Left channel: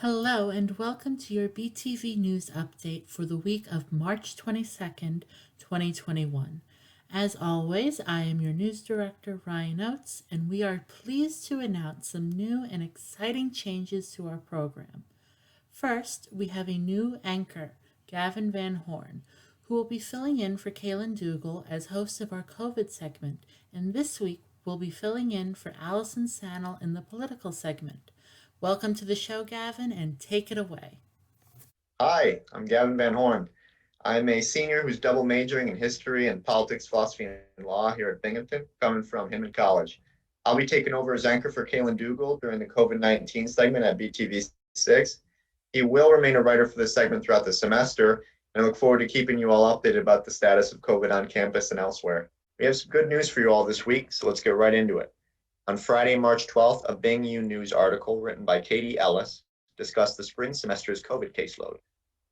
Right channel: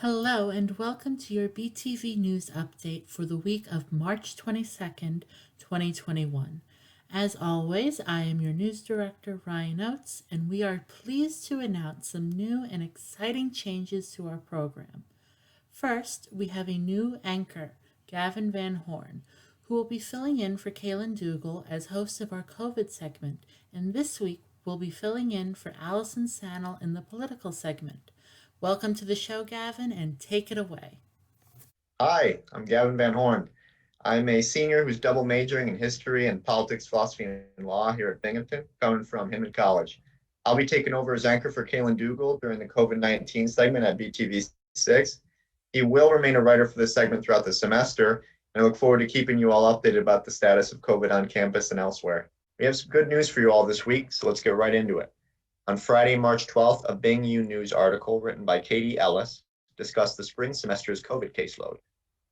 Hello and welcome to your BTV News update for the week of March 22nd, 2021. As always, I am your news director, Ryan Oates, and we are pleased to announce some new and exciting changes to our program. First, we have a new anchor, Gavin VanHorn, who will be filling in for Cailan Dougall as host of our COVID segment, and this week will be filling in for Allison Sanel in the political segment. Welcome to the show, Gavin, and take it away. Hi, I'm Gavin VanHorn. I'm a senior who's double majoring in history and politics, philosophy, and law here at Binghamton, coming from Hinman College. I'll be taking over as anchor for Cailan Dougall during the COVID-19 segment at BTV6. He will remain a writer for this segment throughout the semester, and I look forward to keeping you all updated about the status of COVID on campus and elsewhere. We have some good news for you all this week, so let's get right into it. On Friday, March 12th, a Bing U News article written by Katie Ellis discussed the spring semester's COVID caseload.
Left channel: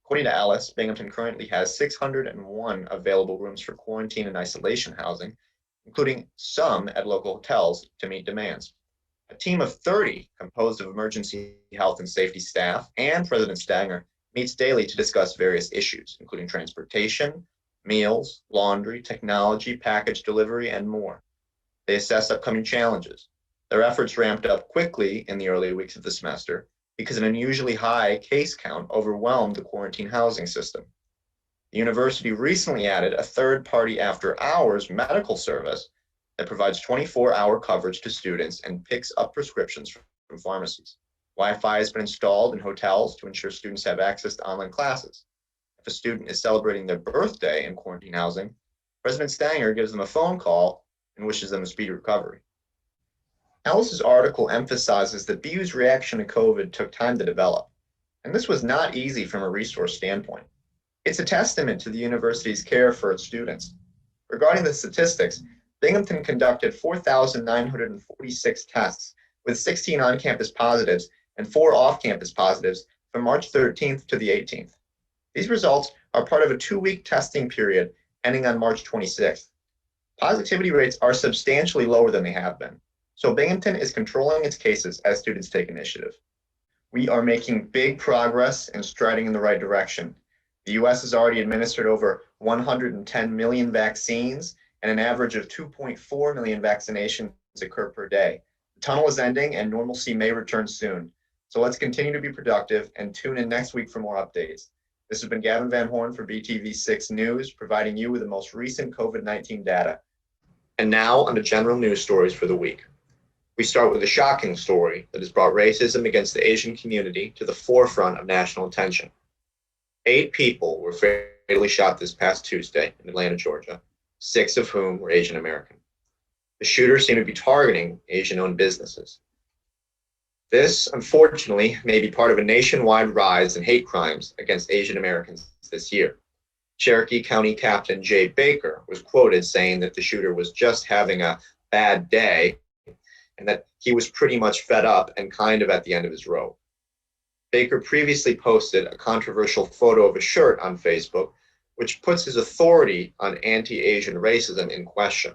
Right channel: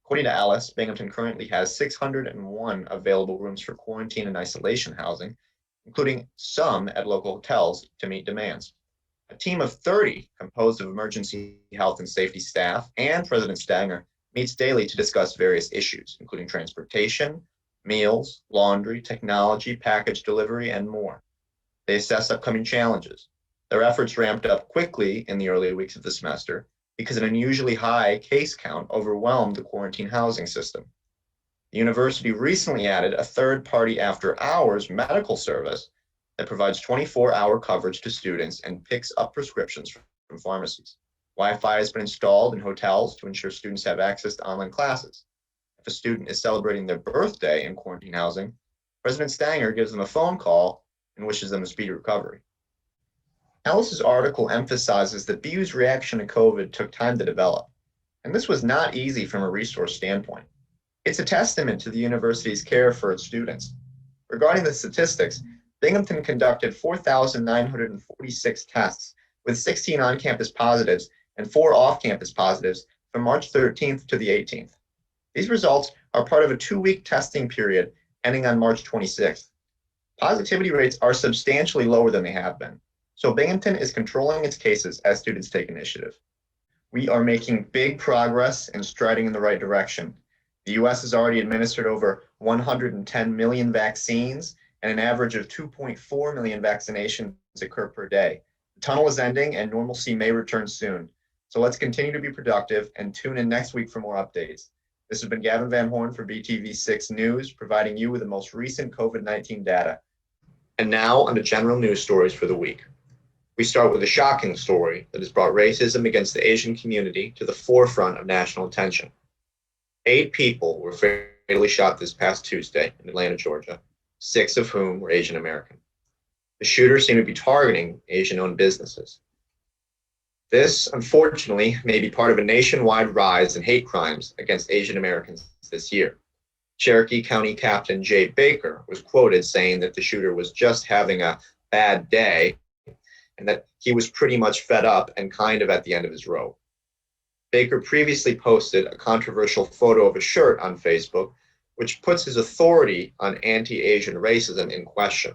According to Alice, Binghamton currently has 601 available rooms for quarantine and isolation housing, including some at local hotels to meet demands. A team of 30, composed of emergency health and safety staff and President Stanger, meets daily to discuss various issues, including transportation, meals, laundry, technology, package delivery, and more. They assess upcoming challenges. Their efforts ramped up quickly in the early weeks of the semester because an unusually high case count overwhelmed the quarantine housing system. The university recently added a third-party after-hours medical service that provides 24-hour coverage to students and picks up prescriptions from pharmacies. Wi-Fi has been installed in hotels to ensure students have access to online classes. If a student is celebrating their birthday in quarantine housing, President Stanger gives them a phone call and wishes them a speedy recovery. Alice's article emphasizes that BU's reaction to COVID took time to develop, and this was not easy from a resource standpoint. It's a testament to the university's care for its students. Regarding the statistics, Binghamton conducted 4,946 tests with 16 on-campus positives and 4 off-campus positives from March 13th to the 18th. These results are part of a 2-week testing period ending on March 26th. Positivity rates are substantially lower than they have been, so Binghamton is controlling its cases as students take initiative. We are making big progress and striding in the right direction. The US has already administered over 110 million vaccines, and an average of 2.4 million vaccinations occur per day. The tunnel is ending and normalcy may return soon. So let's continue to be productive and tune in next week for more updates. This has been Gavin VanHorn for BTV6 News, providing you with the most recent COVID-19 data. And now on to general news stories for the week. We start with a shocking story that has brought racism against the Asian community to the forefront of national attention. 8 people were fatally shot this past Tuesday in Atlanta, Georgia, 6 of whom were Asian American. The shooters seem to be targeting Asian-owned businesses. This, unfortunately, may be part of a nationwide rise in hate crimes against Asian Americans this year. Cherokee County Captain Jay Baker was quoted saying that the shooter was just having a bad day and that he was pretty much fed up and kind of at the end of his rope. Baker previously posted a controversial photo of a shirt on Facebook, which puts his authority on anti-Asian racism in question.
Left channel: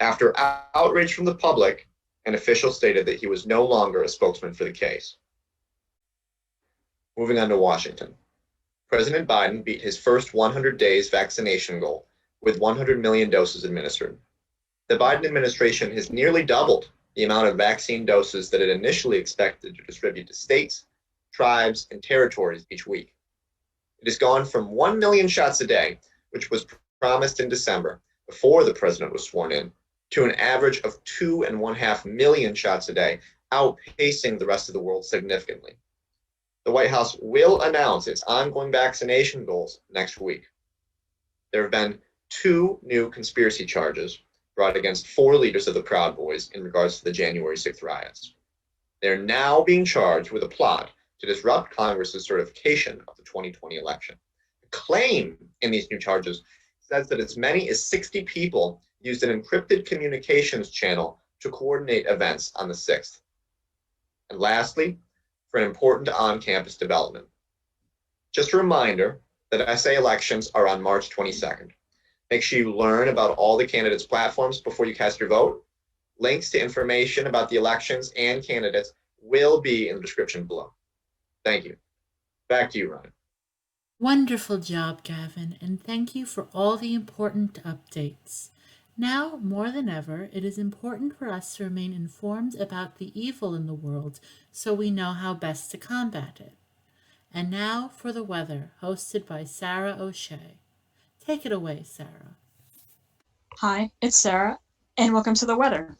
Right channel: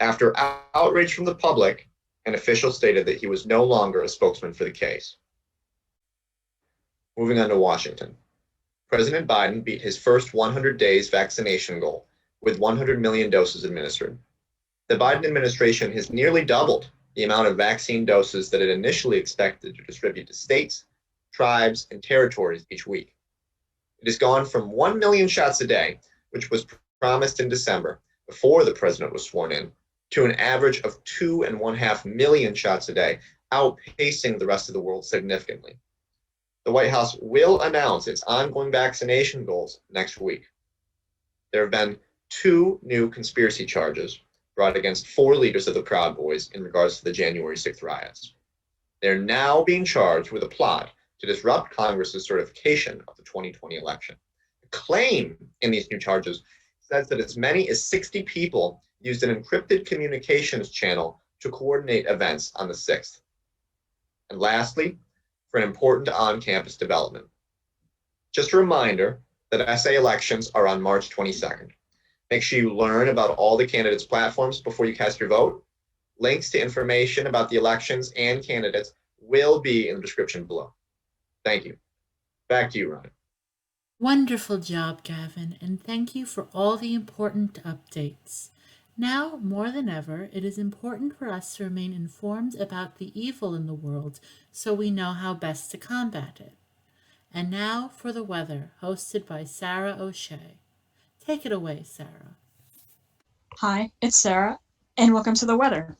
After outrage from the public, an official stated that he was no longer a spokesman for the case. Moving on to Washington. President Biden beat his first 100 days vaccination goal with 100 million doses administered. The Biden administration has nearly doubled the amount of vaccine doses that it initially expected to distribute to states, tribes, and territories each week. It has gone from 1 million shots a day, which was promised in December before the president was sworn in, to an average of 2.5 million shots a day, outpacing the rest of the world significantly. The White House will announce its ongoing vaccination goals next week. There have been 2 new conspiracy charges brought against 4 leaders of the Proud Boys in regards to the January 6th riots. They're now being charged with a plot to disrupt Congress's certification of the 2020 election. The claim in these new charges says that as many as 60 people used an encrypted communications channel to coordinate events on the 6th. And lastly, for an important on-campus development. Just a reminder that SA elections are on March 22nd. Make sure you learn about all the candidates' platforms before you cast your vote. Links to information about the elections and candidates will be in the description below. Thank you. Back to you, Ron. Wonderful job, Gavin, and thank you for all the important updates. Now, more than ever, it is important for us to remain informed about the evil in the world so we know how best to combat it. And now for the weather, hosted by Sarah O'Shea. Take it away, Sarah. Hi, it's Sarah, and welcome to the weather.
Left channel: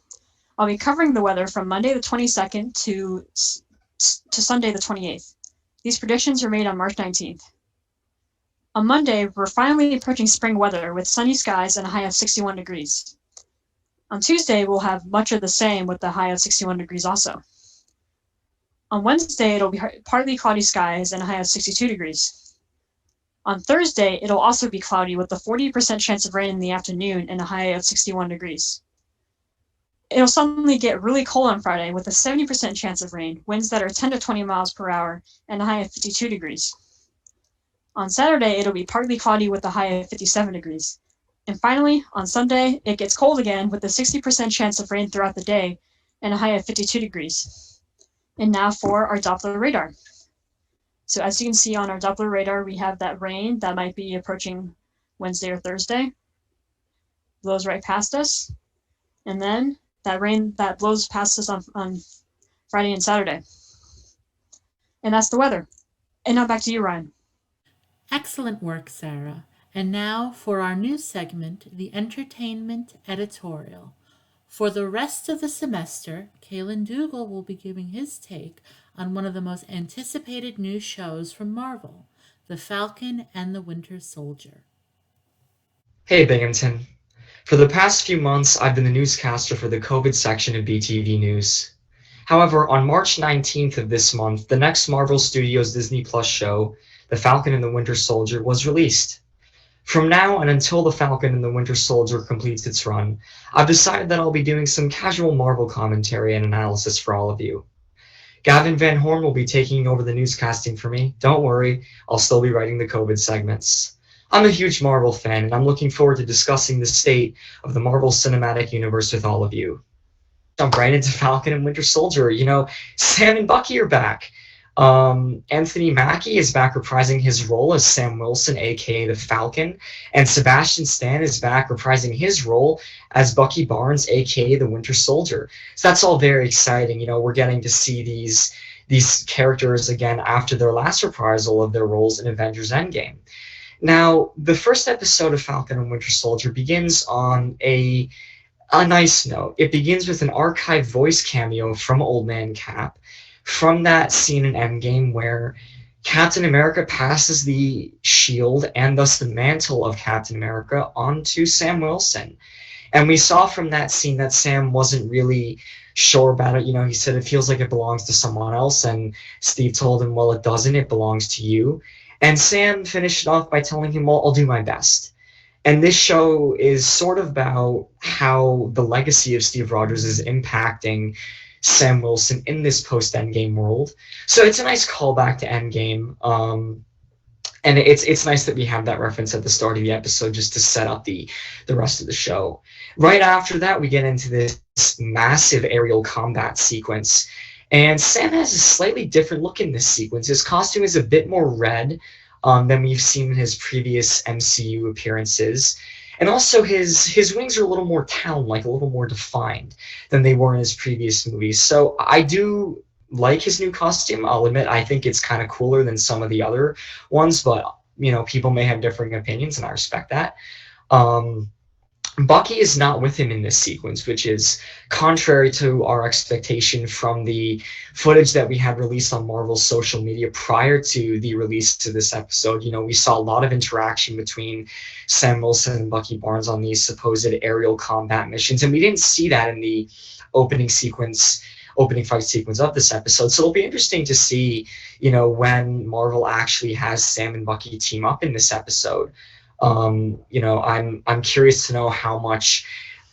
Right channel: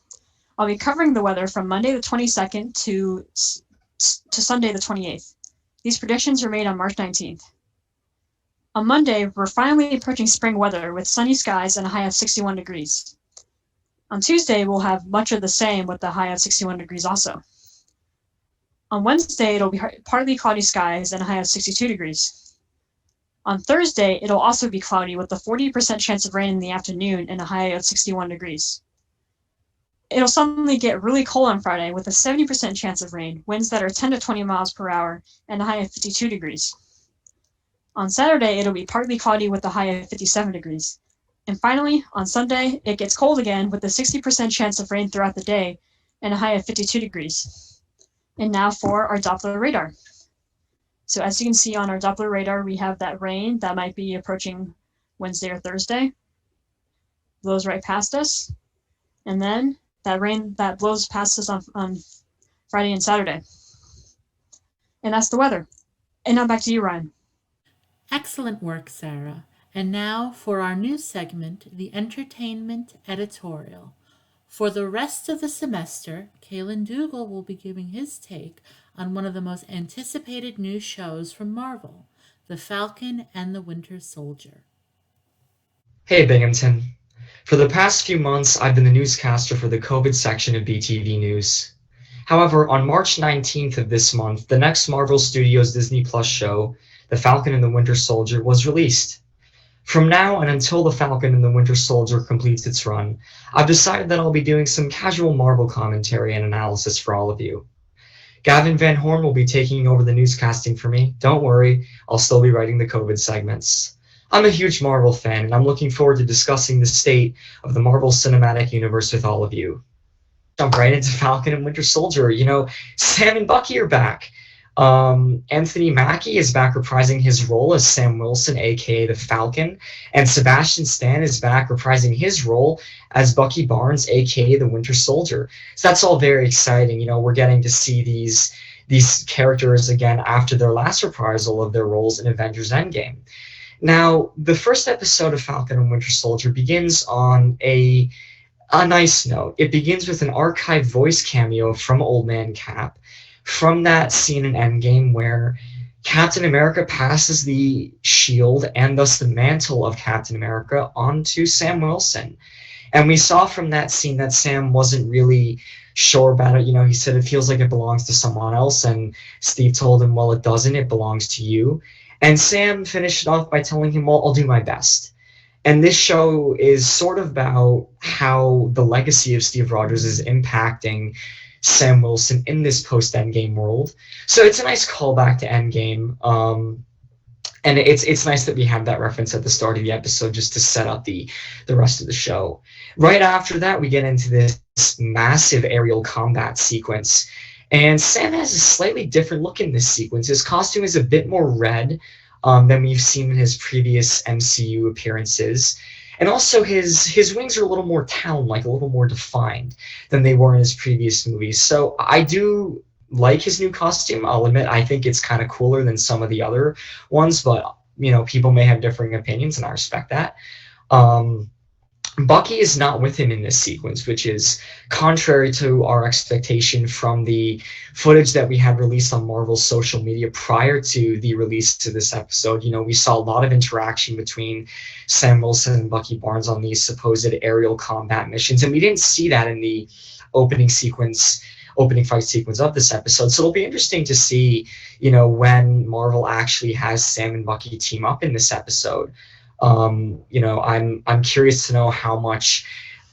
I'll be covering the weather from Monday the 22nd to Sunday the 28th. These predictions were made on March 19th. On Monday, we're finally approaching spring weather with sunny skies and a high of 61 degrees. On Tuesday, we'll have much of the same with a high of 61 degrees also. On Wednesday, it'll be partly cloudy skies and a high of 62 degrees. On Thursday, it'll also be cloudy with a 40% chance of rain in the afternoon and a high of 61 degrees. It'll suddenly get really cold on Friday with a 70% chance of rain, winds that are 10 to 20 miles per hour, and a high of 52 degrees. On Saturday, it'll be partly cloudy with a high of 57 degrees. And finally, on Sunday, it gets cold again with a 60% chance of rain throughout the day and a high of 52 degrees. And now for our Doppler radar. So as you can see on our Doppler radar, we have that rain that might be approaching Wednesday or Thursday. Blows right past us. And then that rain that blows past us on Friday and Saturday. And that's the weather. And now back to you, Ryan. Excellent work, Sarah. And now for our new segment, the Entertainment Editorial. For the rest of the semester, Cailan Dougall will be giving his take on one of the most anticipated new shows from Marvel, The Falcon and the Winter Soldier. Hey Binghamton. For the past few months, I've been the newscaster for the COVID section of BTV News. However, on March 19th of this month, the next Marvel Studios Disney Plus show, The Falcon and the Winter Soldier, was released. From now and until The Falcon and the Winter Soldier completes its run, I've decided that I'll be doing some casual Marvel commentary and analysis for all of you. Gavin VanHorn will be taking over the newscasting for me. Don't worry, I'll still be writing the COVID segments. I'm a huge Marvel fan, and I'm looking forward to discussing the state of the Marvel Cinematic Universe with all of you. Jump right into Falcon and Winter Soldier. Sam and Bucky are back. Anthony Mackie is back reprising his role as Sam Wilson, aka the Falcon, and Sebastian Stan is back reprising his role as Bucky Barnes, aka the Winter Soldier. So that's all very exciting. We're getting to see these characters again after their last reprisal of their roles in Avengers Endgame. Now, the first episode of Falcon and Winter Soldier begins on a nice note. It begins with an archived voice cameo from Old Man Cap, from that scene in Endgame where Captain America passes the shield and thus the mantle of Captain America onto Sam Wilson. And we saw from that scene that Sam wasn't really sure about it. He said it feels like it belongs to someone else, and Steve told him, well, it doesn't, it belongs to you. And Sam finished it off by telling him, well, I'll do my best. And this show is sort of about how the legacy of Steve Rogers is impacting Sam Wilson in this post-Endgame world. So it's a nice callback to Endgame. And it's nice that we have that reference at the start of the episode just to set up the rest of the show. Right after that, we get into this massive aerial combat sequence. And Sam has a slightly different look in this sequence. His costume is a bit more red than we've seen in his previous MCU appearances. And also his wings are a little more talon-like, a little more defined than they were in his previous movies. So I do like his new costume. I'll admit I think it's kind of cooler than some of the other ones, but people may have differing opinions, and I respect that. Bucky is not with him in this sequence, which is contrary to our expectation from the footage that we had released on Marvel's social media prior to the release to this episode. We saw a lot of interaction between Sam Wilson and Bucky Barnes on these supposed aerial combat missions, and we didn't see that in the opening fight sequence of this episode. So it'll be interesting to see, when Marvel actually has Sam and Bucky team up in this episode. I'm curious to know how much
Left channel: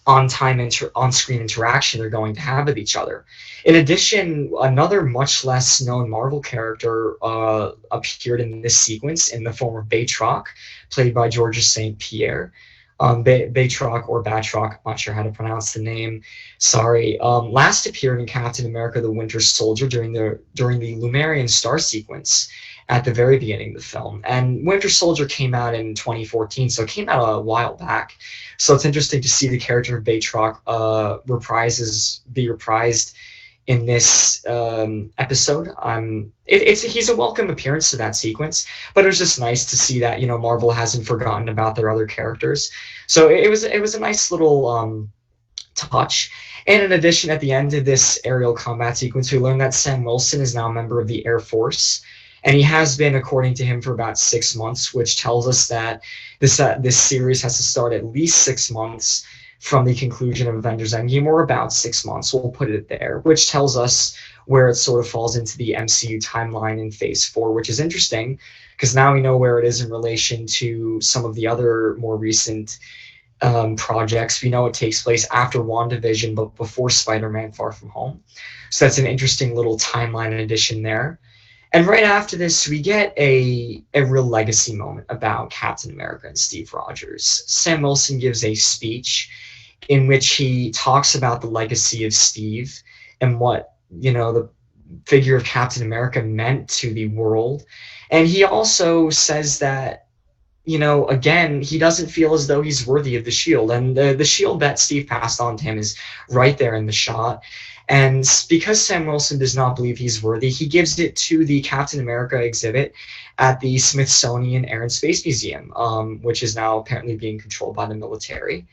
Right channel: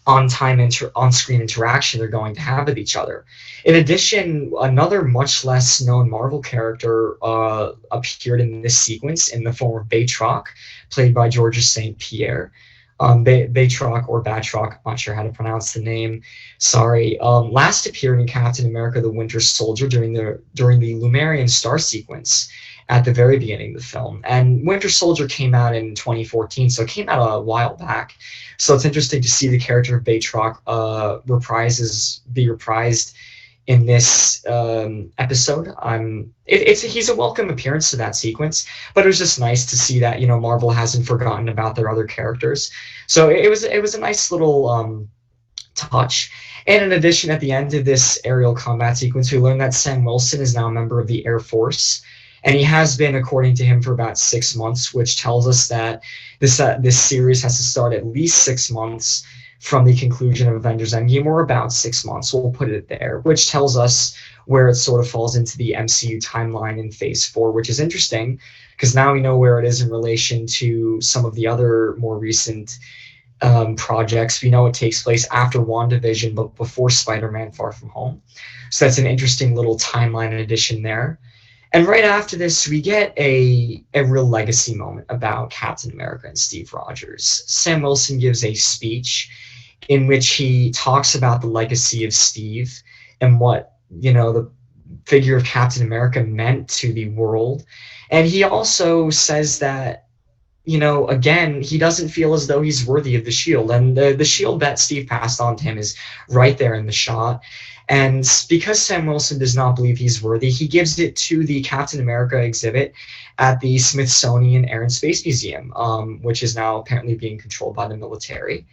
on-screen interaction they're going to have with each other. In addition, another much less known Marvel character appeared in this sequence in the form of Batroc, played by Georges St. Pierre. Batroc or Batroc, I'm not sure how to pronounce the name. Sorry. Last appeared in Captain America: The Winter Soldier during the Lumerian star sequence at the very beginning of the film. And Winter Soldier came out in 2014, so it came out a while back. So it's interesting to see the character of Batroc be reprised in this episode. He's a welcome appearance to that sequence, but it was just nice to see that, you know, Marvel hasn't forgotten about their other characters. So it was a nice little touch. And in addition, at the end of this aerial combat sequence, we learned that Sam Wilson is now a member of the Air Force, and he has been, according to him, for about 6 months, which tells us that this series has to start at least 6 months from the conclusion of Avengers Endgame, or about 6 months, we'll put it there, which tells us where it sort of falls into the MCU timeline in Phase 4, which is interesting, because now we know where it is in relation to some of the other more recent projects. We know it takes place after WandaVision, but before Spider-Man Far From Home. So that's an interesting little timeline addition there. And right after this, we get a real legacy moment about Captain America and Steve Rogers. Sam Wilson gives a speech in which he talks about the legacy of Steve and what, you know, the figure of Captain America meant to the world. And he also says that, you know, again, he doesn't feel as though he's worthy of the shield. And the shield that Steve passed on to him is right there in the shot. And because Sam Wilson does not believe he's worthy, he gives it to the Captain America exhibit at the Smithsonian Air and Space Museum, which is now apparently being controlled by the military.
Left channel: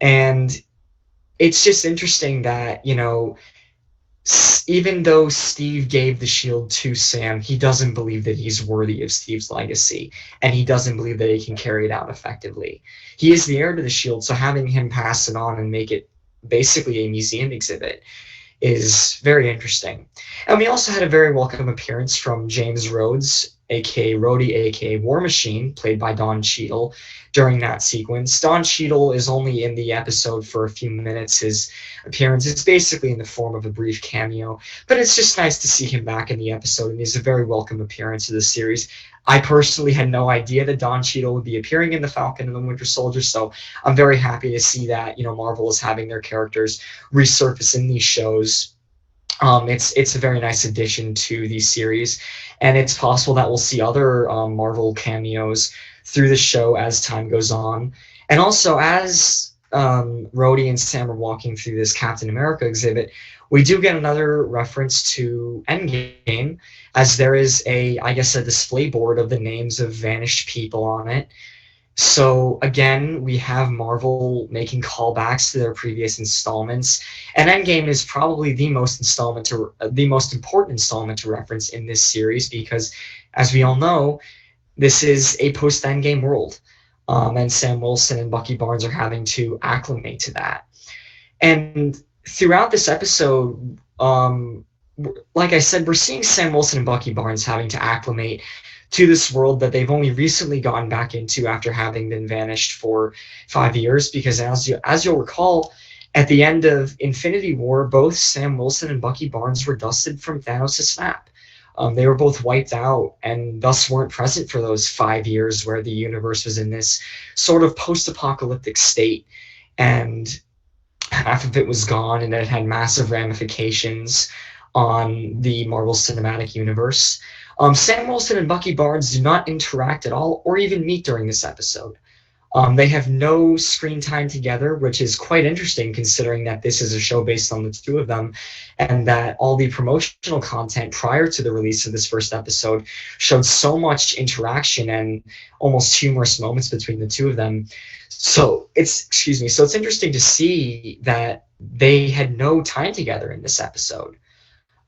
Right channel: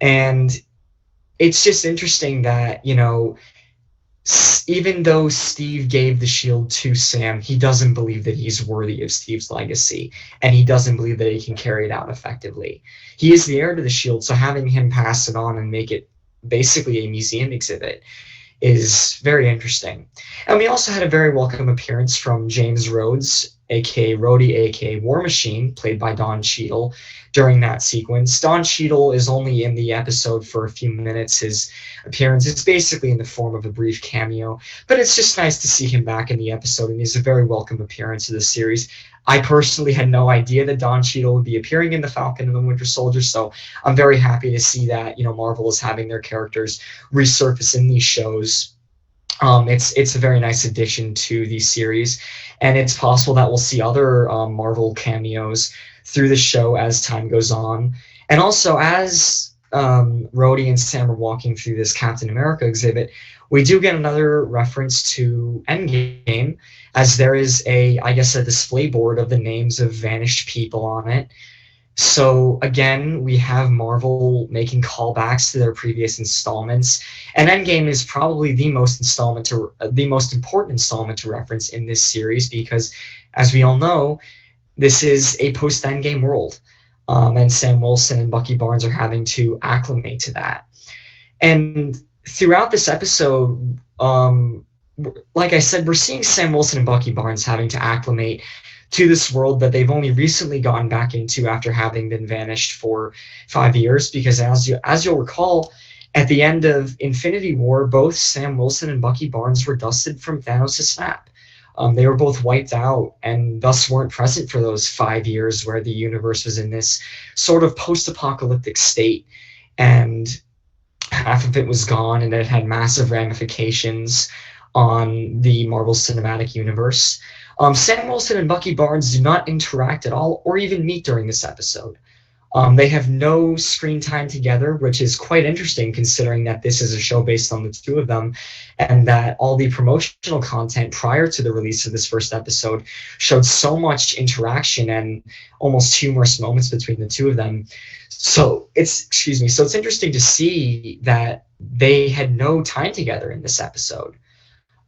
And it's just interesting that, you know, even though Steve gave the shield to Sam, he doesn't believe that he's worthy of Steve's legacy, and he doesn't believe that he can carry it out effectively. He is the heir to the shield, so having him pass it on and make it basically a museum exhibit is very interesting. And we also had a very welcome appearance from James Rhodes, aka Rhodey, aka War Machine, played by Don Cheadle, during that sequence. Don Cheadle is only in the episode for a few minutes. His appearance is basically in the form of a brief cameo, but it's just nice to see him back in the episode, and he's a very welcome appearance of the series. I personally had no idea that Don Cheadle would be appearing in The Falcon and the Winter Soldier, so I'm very happy to see that, you know, Marvel is having their characters resurface in these shows. It's a very nice addition to the series, and it's possible that we'll see other Marvel cameos through the show as time goes on. And also, as Rhodey and Sam are walking through this Captain America exhibit, we do get another reference to Endgame, as there is a display board of the names of vanished people on it. So again, we have Marvel making callbacks to their previous installments, and Endgame is probably the most important installment to reference in this series, because, as we all know, this is a post-Endgame world, and Sam Wilson and Bucky Barnes are having to acclimate to that. And throughout this episode, like I said, we're seeing Sam Wilson and Bucky Barnes having to acclimate to this world that they've only recently gotten back into after having been vanished for 5 years, because as you'll recall, at the end of Infinity War, both Sam Wilson and Bucky Barnes were dusted from Thanos' snap. They were both wiped out and thus weren't present for those 5 years where the universe was in this sort of post-apocalyptic state, and half of it was gone, and it had massive ramifications on the Marvel Cinematic Universe. Sam Wilson and Bucky Barnes do not interact at all or even meet during this episode. They have no screen time together, which is quite interesting considering that this is a show based on the two of them, and that all the promotional content prior to the release of this first episode showed so much interaction and almost humorous moments between the two of them. So it's interesting to see that they had no time together in this episode.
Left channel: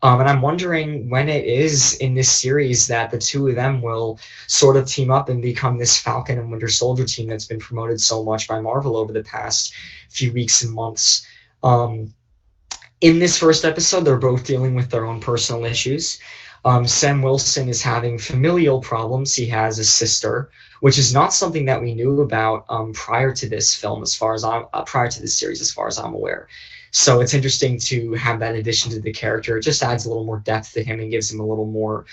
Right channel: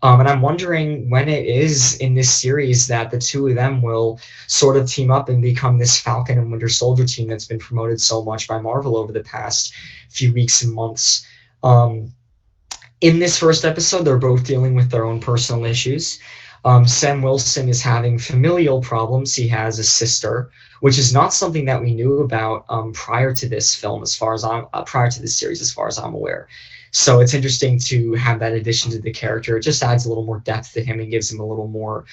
And I'm wondering when it is in this series that the two of them will sort of team up and become this Falcon and Winter Soldier team that's been promoted so much by Marvel over the past few weeks and months. In this first episode, they're both dealing with their own personal issues. Sam Wilson is having familial problems. He has a sister, which is not something that we knew about prior to this film, prior to this series, as far as I'm aware. So it's interesting to have that addition to the character. It just adds a little more depth to him and gives him a little more,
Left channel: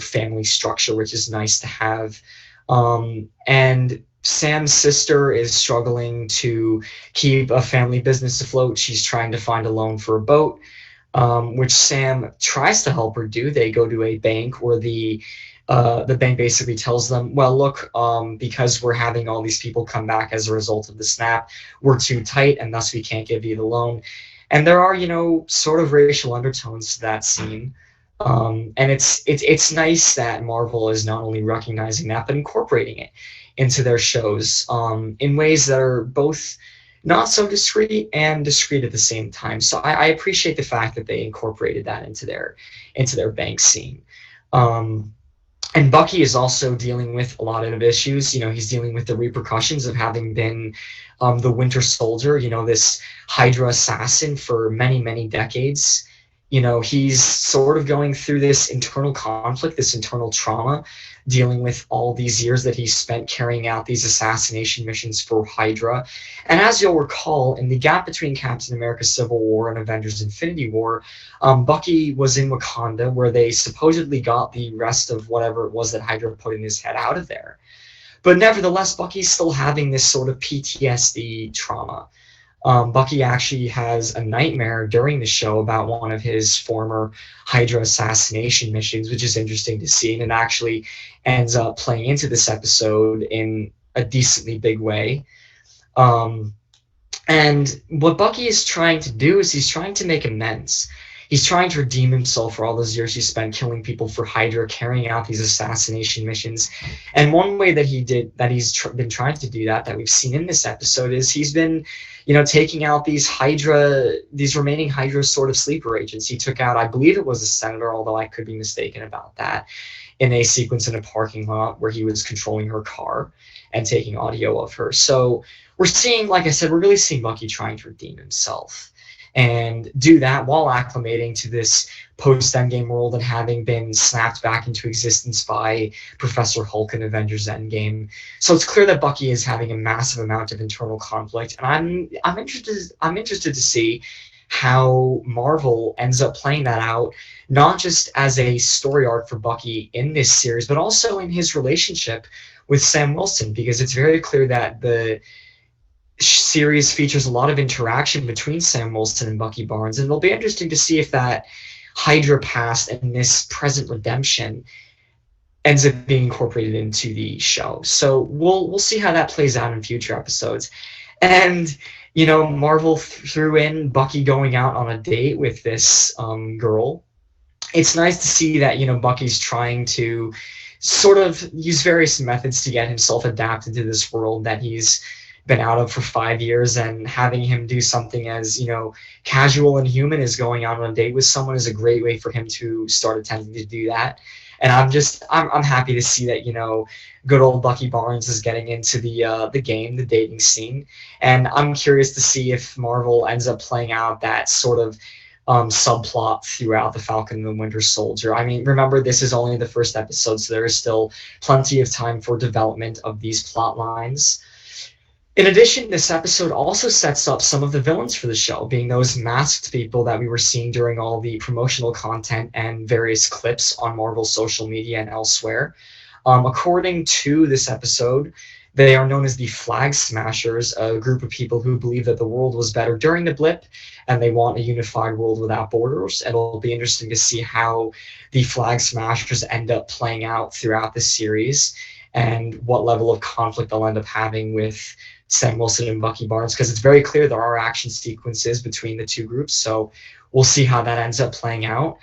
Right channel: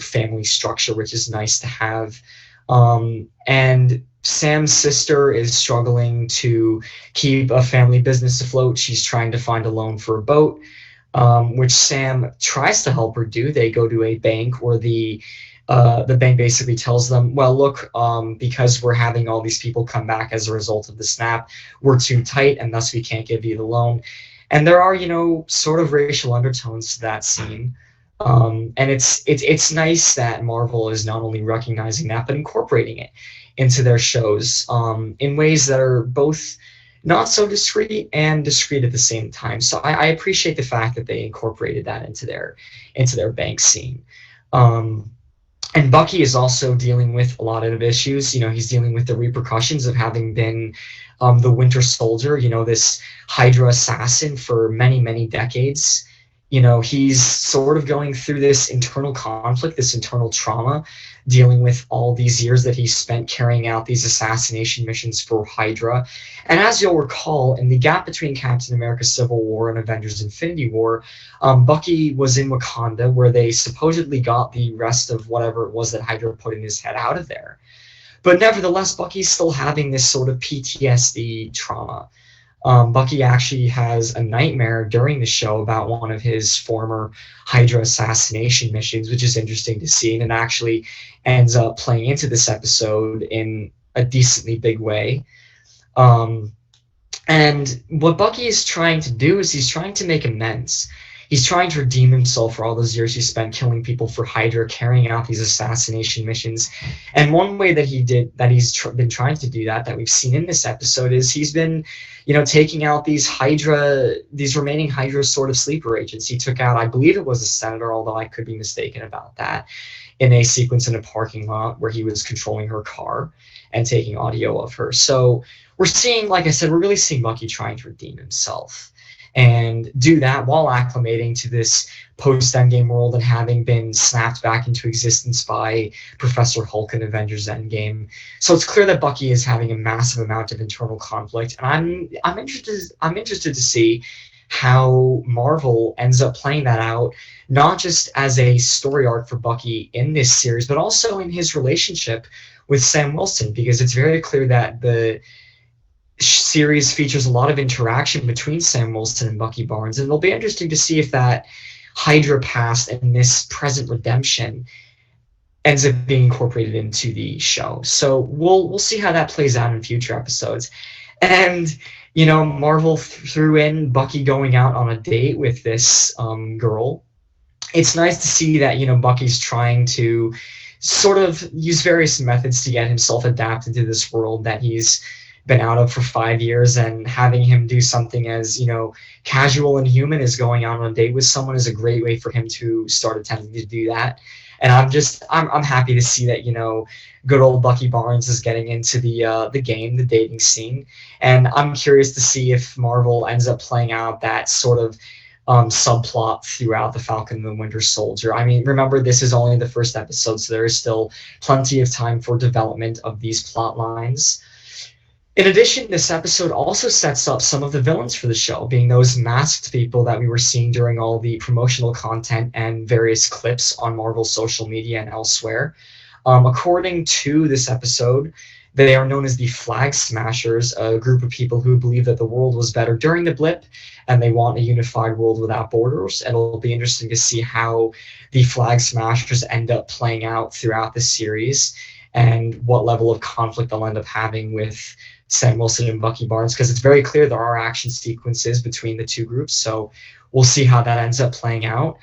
family structure, which is nice to have. And Sam's sister is struggling to keep a family business afloat. She's trying to find a loan for a boat, which Sam tries to help her do. They go to a bank where the bank basically tells them, well, look, because we're having all these people come back as a result of the snap, we're too tight, and thus we can't give you the loan. And there are, sort of racial undertones to that scene. And it's nice that Marvel is not only recognizing that, but incorporating it into their shows in ways that are both not so discreet and discreet at the same time. So I appreciate the fact that they incorporated that into their bank scene. And Bucky is also dealing with a lot of issues. He's dealing with the repercussions of having been the Winter Soldier, this Hydra assassin for many, many decades. He's sort of going through this internal conflict, this internal trauma, dealing with all these years that he spent carrying out these assassination missions for Hydra. And as you'll recall, in the gap between Captain America Civil War and Avengers Infinity War, Bucky was in Wakanda, where they supposedly got the rest of whatever it was that Hydra put in his head out of there. But nevertheless, Bucky's still having this sort of PTSD trauma. Bucky actually has a nightmare during the show about one of his former Hydra assassination missions, which is interesting to see, and it actually ends up playing into this episode in a decently big way. And what Bucky is trying to do is he's trying to make amends. He's trying to redeem himself for all those years he spent killing people for Hydra, carrying out these assassination missions. And one way that he's been trying to do that we've seen in this episode is he's been, taking out these remaining Hydra sort of sleeper agents. He took out, I believe it was a senator, although I could be mistaken about that, in a sequence in a parking lot where he was controlling her car and taking audio of her. So we're seeing, like I said, we're really seeing Bucky trying to redeem himself and do that while acclimating to this post-Endgame world and having been snapped back into existence by Professor Hulk in Avengers Endgame. So it's clear that Bucky is having a massive amount of internal conflict, and I'm interested to see how Marvel ends up playing that out, not just as a story arc for Bucky in this series, but also in his relationship with Sam Wilson, because it's very clear that the series features a lot of interaction between Sam Wilson and Bucky Barnes, and it'll be interesting to see if that Hydra past and this present redemption ends up being incorporated into the show. So we'll see how that plays out in future episodes. And Marvel threw in Bucky going out on a date with this girl. It's nice to see that Bucky's trying to sort of use various methods to get himself adapted to this world that he's been out of for 5 years, and having him do something as casual and human as going out on a date with someone is a great way for him to start attempting to do that. And I'm happy to see that good old Bucky Barnes is getting into the game, the dating scene, and I'm curious to see if Marvel ends up playing out that sort of subplot throughout the Falcon and the Winter Soldier. I mean, remember, this is only the first episode, so there is still plenty of time for development of these plot lines. In addition, this episode also sets up some of the villains for the show, being those masked people that we were seeing during all the promotional content and various clips on Marvel's social media and elsewhere. According to this episode, they are known as the Flag Smashers, a group of people who believe that the world was better during the blip and they want a unified world without borders. And it'll be interesting to see how the Flag Smashers end up playing out throughout the series and what level of conflict they'll end up having with Sam Wilson and Bucky Barnes, because it's very clear there are action sequences between the two groups, so we'll see how that ends up playing out.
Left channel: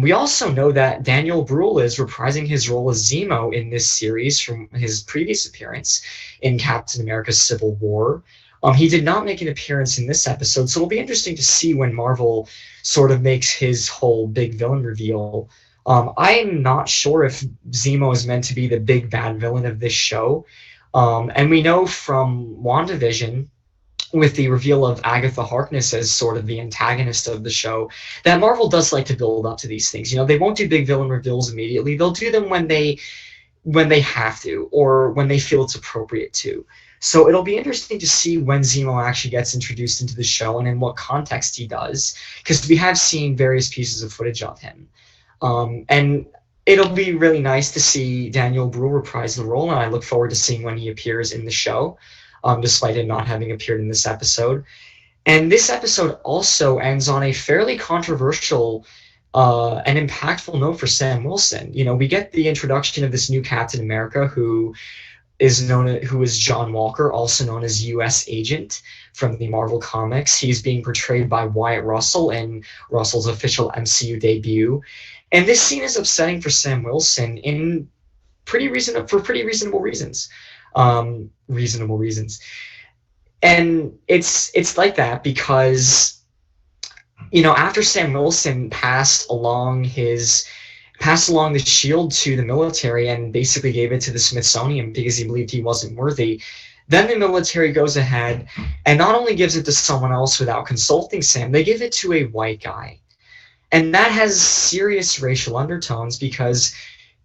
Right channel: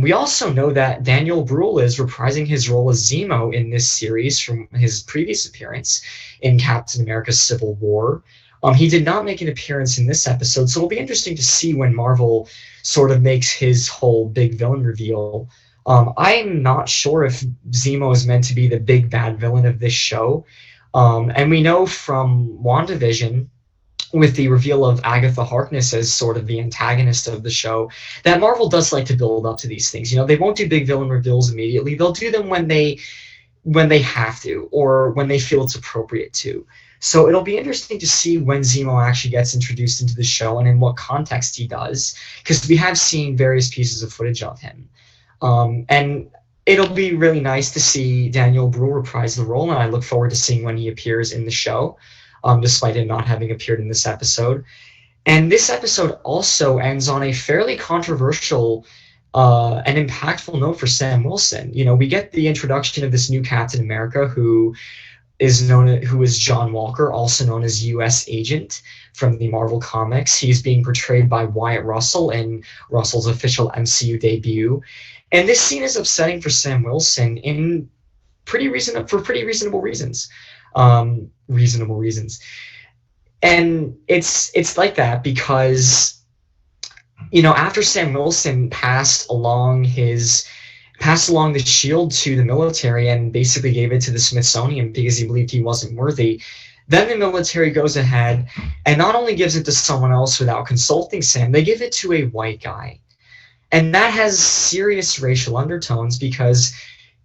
We also know that Daniel Bruhl is reprising his role as Zemo in this series from his previous appearance in Captain America Civil War. He did not make an appearance in this episode, so it'll be interesting to see when Marvel sort of makes his whole big villain reveal. I'm not sure if Zemo is meant to be the big bad villain of this show. And we know from WandaVision, with the reveal of Agatha Harkness as sort of the antagonist of the show, that Marvel does like to build up to these things. They won't do big villain reveals immediately. They'll do them when they have to, or when they feel it's appropriate to. So it'll be interesting to see when Zemo actually gets introduced into the show and in what context he does, because we have seen various pieces of footage of him. And it'll be really nice to see Daniel Bruhl reprise the role, and I look forward to seeing when he appears in the show, despite him not having appeared in this episode. And this episode also ends on a fairly controversial and impactful note for Sam Wilson. You know, we get the introduction of this new Captain America who is John Walker, also known as U.S. Agent from the Marvel Comics. He's being portrayed by Wyatt Russell in Russell's official MCU debut. And this scene is upsetting for Sam Wilson for pretty reasonable reasons. Reasonable reasons. And it's like that because, you know, after Sam Wilson passed along the shield to the military and basically gave it to the Smithsonian because he believed he wasn't worthy, then the military goes ahead and not only gives it to someone else without consulting Sam, they give it to a white guy. And that has serious racial undertones because,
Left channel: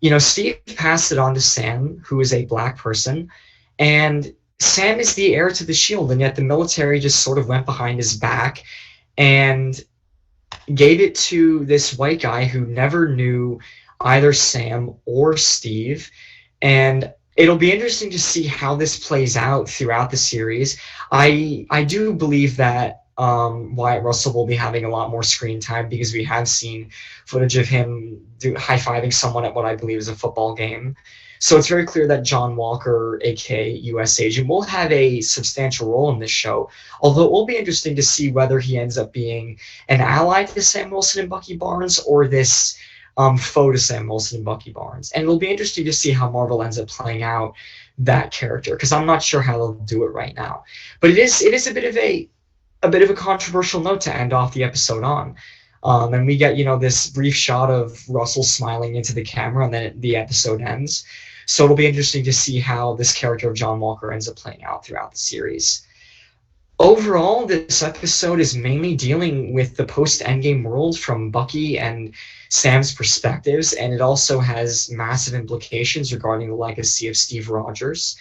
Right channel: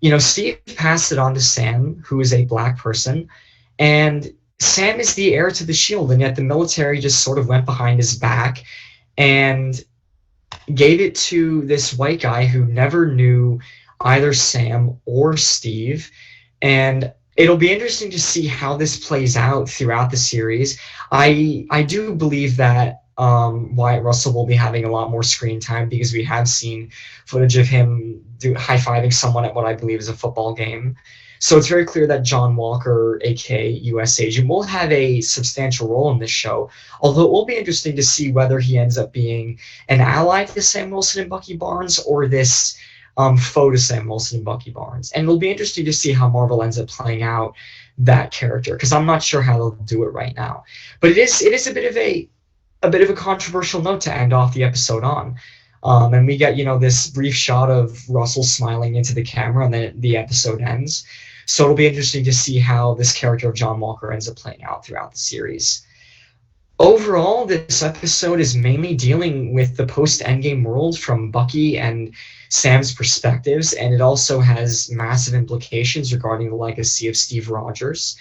you know, Steve passed it on to Sam, who is a black person, and Sam is the heir to the shield, and yet the military just sort of went behind his back and gave it to this white guy who never knew either Sam or Steve. And it'll be interesting to see how this plays out throughout the series. I do believe that Wyatt Russell will be having a lot more screen time because we have seen footage of him high-fiving someone at what I believe is a football game. So it's very clear that John Walker, aka U.S. Agent, will have a substantial role in this show, although it will be interesting to see whether he ends up being an ally to Sam Wilson and Bucky Barnes or this foe to Sam Wilson and Bucky Barnes. And it'll be interesting to see how Marvel ends up playing out that character, because I'm not sure how they'll do it right now. But it is a bit of a controversial note to end off the episode on. And we get, you know, this brief shot of Russell smiling into the camera, and then the episode ends. So it'll be interesting to see how this character of John Walker ends up playing out throughout the series. Overall, this episode is mainly dealing with the post-Endgame world from Bucky and Sam's perspectives, and it also has massive implications regarding the legacy of Steve Rogers.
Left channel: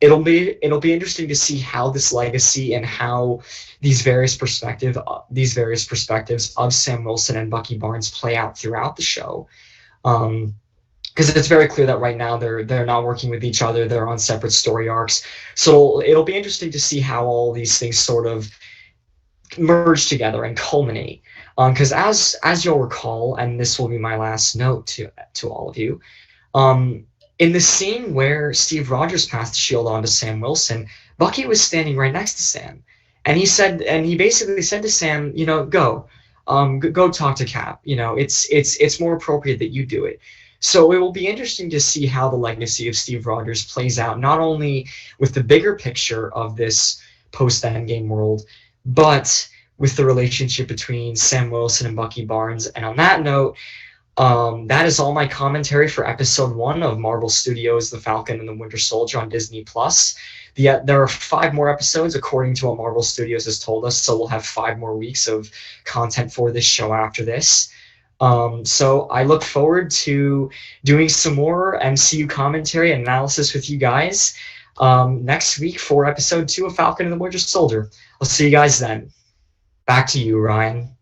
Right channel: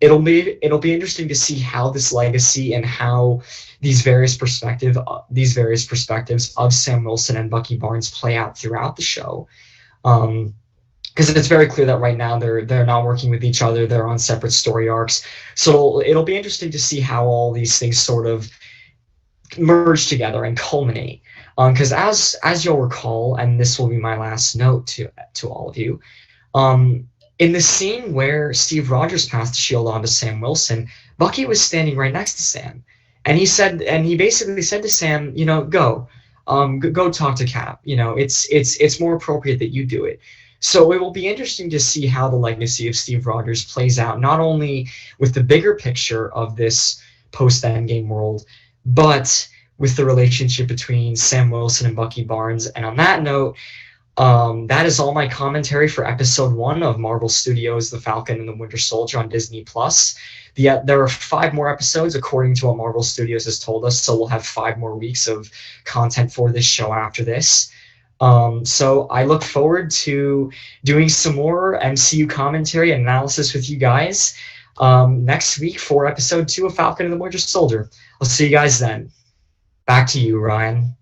It'll be interesting to see how this legacy and how these various perspectives of Sam Wilson and Bucky Barnes play out throughout the show. Because it's very clear that right now they're not working with each other. They're on separate story arcs. So it'll be interesting to see how all these things sort of merge together and culminate. Because as you'll recall, and this will be my last note to all of you, in the scene where Steve Rogers passed the shield on to Sam Wilson, Bucky was standing right next to Sam, and he basically said to Sam, you know, go talk to Cap. You know, it's more appropriate that you do it. So it will be interesting to see how the legacy of Steve Rogers plays out, not only with the bigger picture of this post-Endgame world, but with the relationship between Sam Wilson and Bucky Barnes. And on that note, that is all my commentary for episode 1 of Marvel Studios' The Falcon and the Winter Soldier on Disney+. There are 5 more episodes according to what Marvel Studios has told us, so we'll have 5 more weeks of content for this show after this. So I look forward to doing some more MCU commentary and analysis with you guys next week for episode 2 of Falcon and the Winter Soldier. I'll see you guys then. Back to you, Ryan.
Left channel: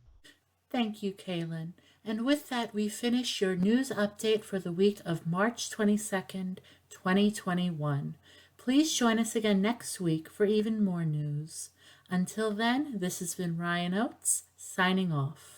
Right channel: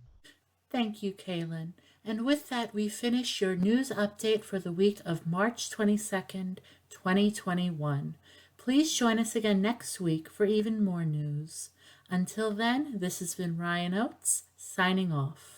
Thank you, Cailan. And with that, we finish your news update for the week of March 22nd, 2021. Please join us again next week for even more news. Until then, this has been Ryan Oates, signing off.